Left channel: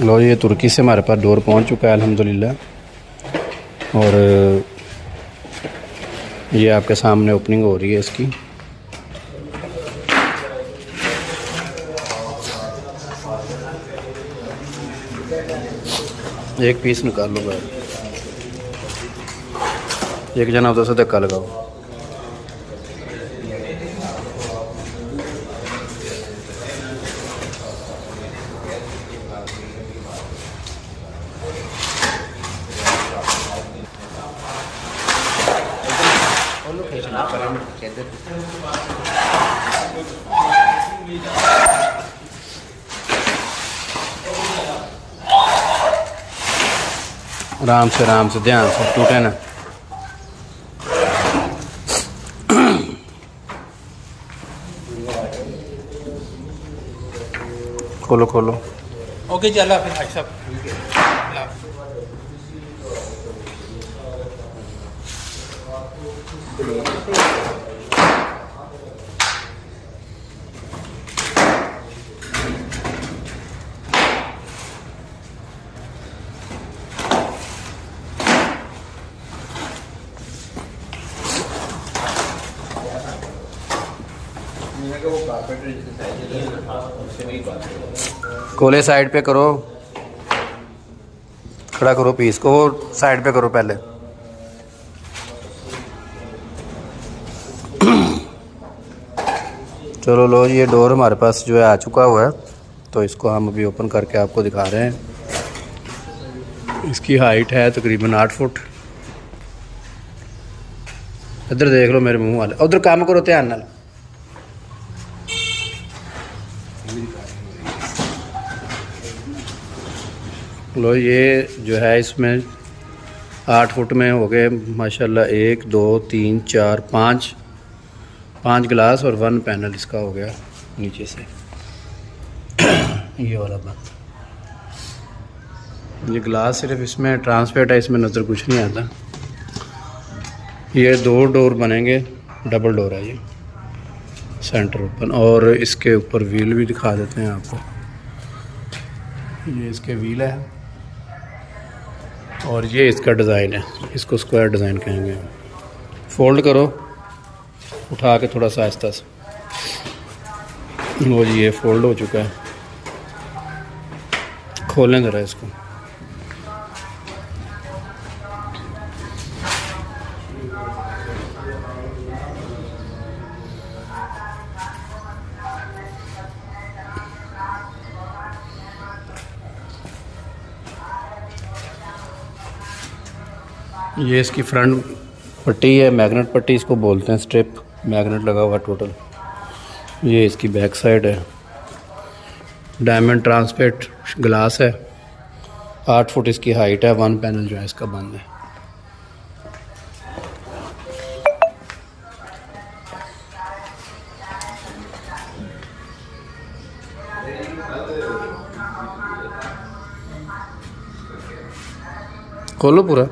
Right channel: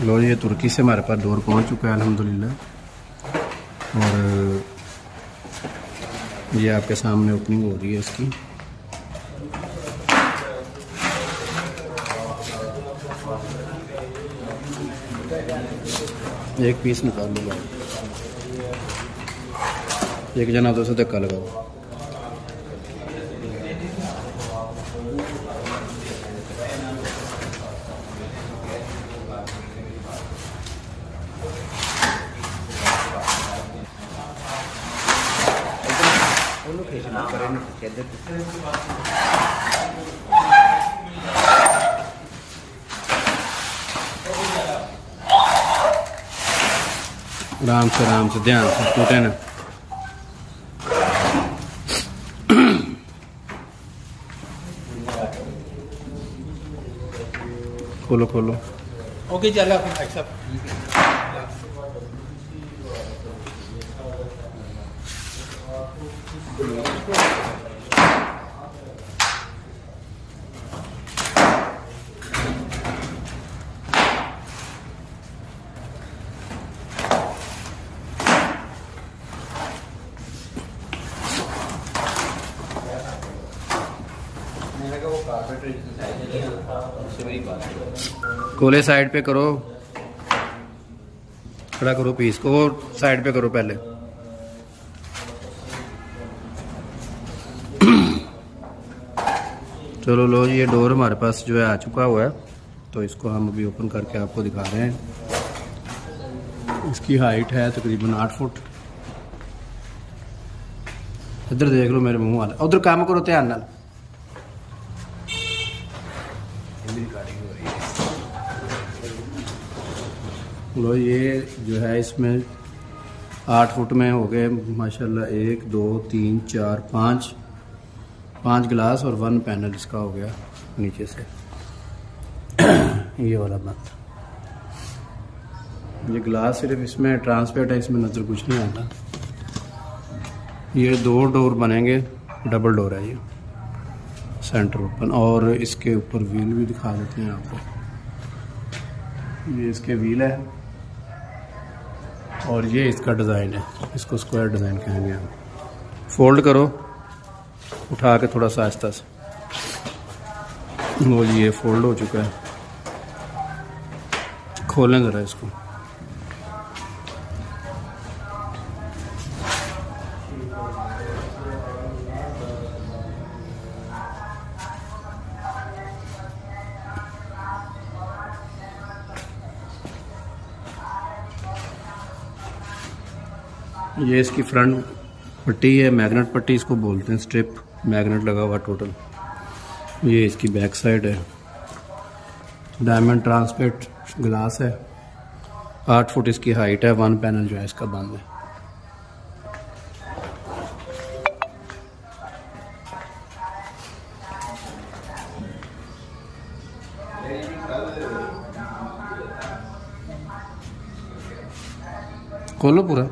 लो ये तुर्की से हमारे पास डोर पहुंच चुका है अल्हम्दुलिल्लाह। और ये आपके सामने ओपनिंग हो रही है इसकी। एक पीस निकाल लो बाहर, एक जना उधर से धक्का लगाओ। आराम से ध्यान से, टूटे ना। खोलो खोलो। ओके चला फिर भाई साहब। कोले साइड पे करो, खड़ा करो पीस को, वो साइड पे करो पहले। चलो लो, ये डोर हमारे पास जो है आ चुका हुआ है, तो इसको हम अभी ओपन करके आपको दिखा रहे हैं। इसकी हाइट है तकरीबन 8 फुट। इधर देख लो मेरे मुंह वाले, उधर काम करो ध्यान नाल। लो ये जो है इसमें 8 फुट में हो गए माशाल्लाह 1 2 3 4 5 गिलास और 1 पैनल इसका हो गया नीचे से। ये वाला बंद, ये गिलास सिर्फ इसमें ट्रांसपेरेंट है, इसमें नज़र कुछ नहीं आता। ये 2 डोर बनेंगे, डबल डोर है ये, सेंटर ओपन। और इसके ऊपर व्हील भी दिखा देते हैं आपको। ये इसके व्हील है और ये इसका डिज़ाइन है, इसको स्क्वायर डिज़ाइन कहेंगे हम। फोल्ड करो, उठा के थोड़ा सा आहिस्ता से। वो जी ये फोल्ड हो चुका है। खोलें ज़रा इसको। ये इसकी फ्रंट पट्टी है, मैग्नेट पट्टी इसको बोलते हैं, स्ट्रिप मैग्नेट लगा हुआ टोटल। ये इसकी बैक साइड है, डायमंड ट्रांसपेरेंट ग्लास है, 8 फुट इसकी हाइट है, 1 पैनल जो है इसका बंद है। खोलो पूरा।